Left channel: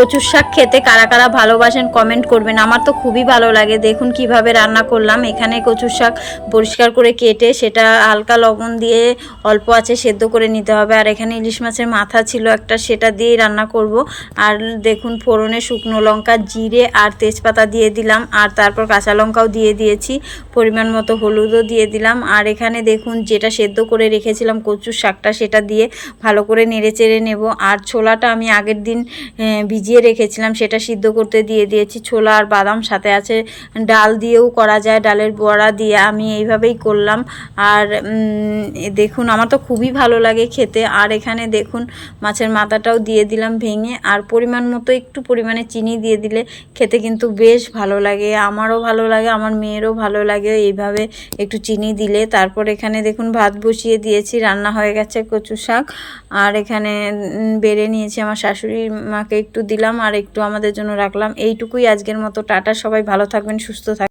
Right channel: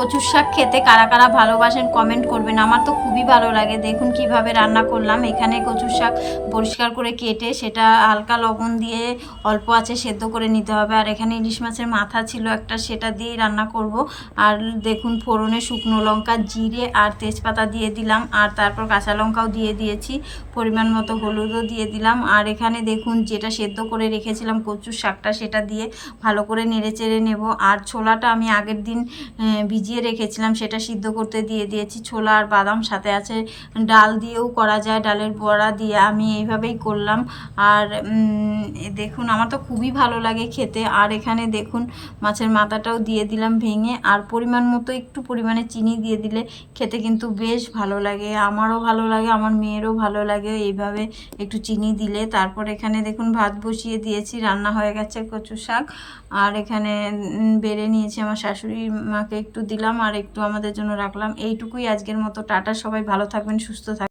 কচুর শাক খেতে কারা কারা ভালোবাসেন কমেন্ট করবেন। আমার তো খুবই ভালো লাগে। দেখুন কিভাবে রান্না করলাম। এখানে কচুর শাক পরিষ্কার করে কেটে সেটা হালকা লবণ দিয়ে অল্প আঁচে সেদ্ধ করে নিতে হবে। আর এখানে ইলিশ মাছের মাথা ছিল একটা, সেটা দিয়েই রান্না করব। আর দেখুন ফোড়নে শুকনো লঙ্কা, জিরে আর তেজপাতা দিয়ে দিলাম, আর তারপর কাঁচা লঙ্কাও দিয়ে দিয়েছি, পরিমাণ মতো হলুদও দিয়ে দিলাম। আর এখানে দেখুন যেটা সেদ্ধ করে রেখেছিলাম কচুর শাকটা, সেটা দিয়ে ভালো করে নেড়ে চেড়ে নেব। আর ছোলাটা আমি আগের দিন ভিজিয়ে রেখেছিলাম, সেটা সিদ্ধ করতে দিয়ে দিয়েছি। ছোলা আর বাদাম, সাথে আছে ডাল দিয়েও করা যায়, ডালের বড়া দিয়ে আমি এইভাবেই করলাম। আর দেখুন আমার তো খুবই ভালো লাগে খেতে। আর এখানে দেখুন মাছের মাথাটাও দিয়ে দিলাম ভেঙে। আর পরিমাণ মতো একটু পরিমাণে চিনি দিয়ে দিলে খেতে কিন্তু বেশ ভালো লাগে। আমারও ভালো লাগে, আমার মেয়েরও ভালো লাগে এইভাবে একটু চিনি দিলে। তারপর এখানে দেখুন ভাত বসিয়ে দিয়েছি, রান্না হয়ে গেছে কচু শাক। আর এখানে বেড়ে নিয়েছি, আমার শাশুড়ি মাকে একটু দিলাম আর একটু আমাদের জন্য রাখলাম। এইটুকুই আজকের মতো। টাটা, সবাই ভালো থাকবেন, সুস্থ থাকবেন।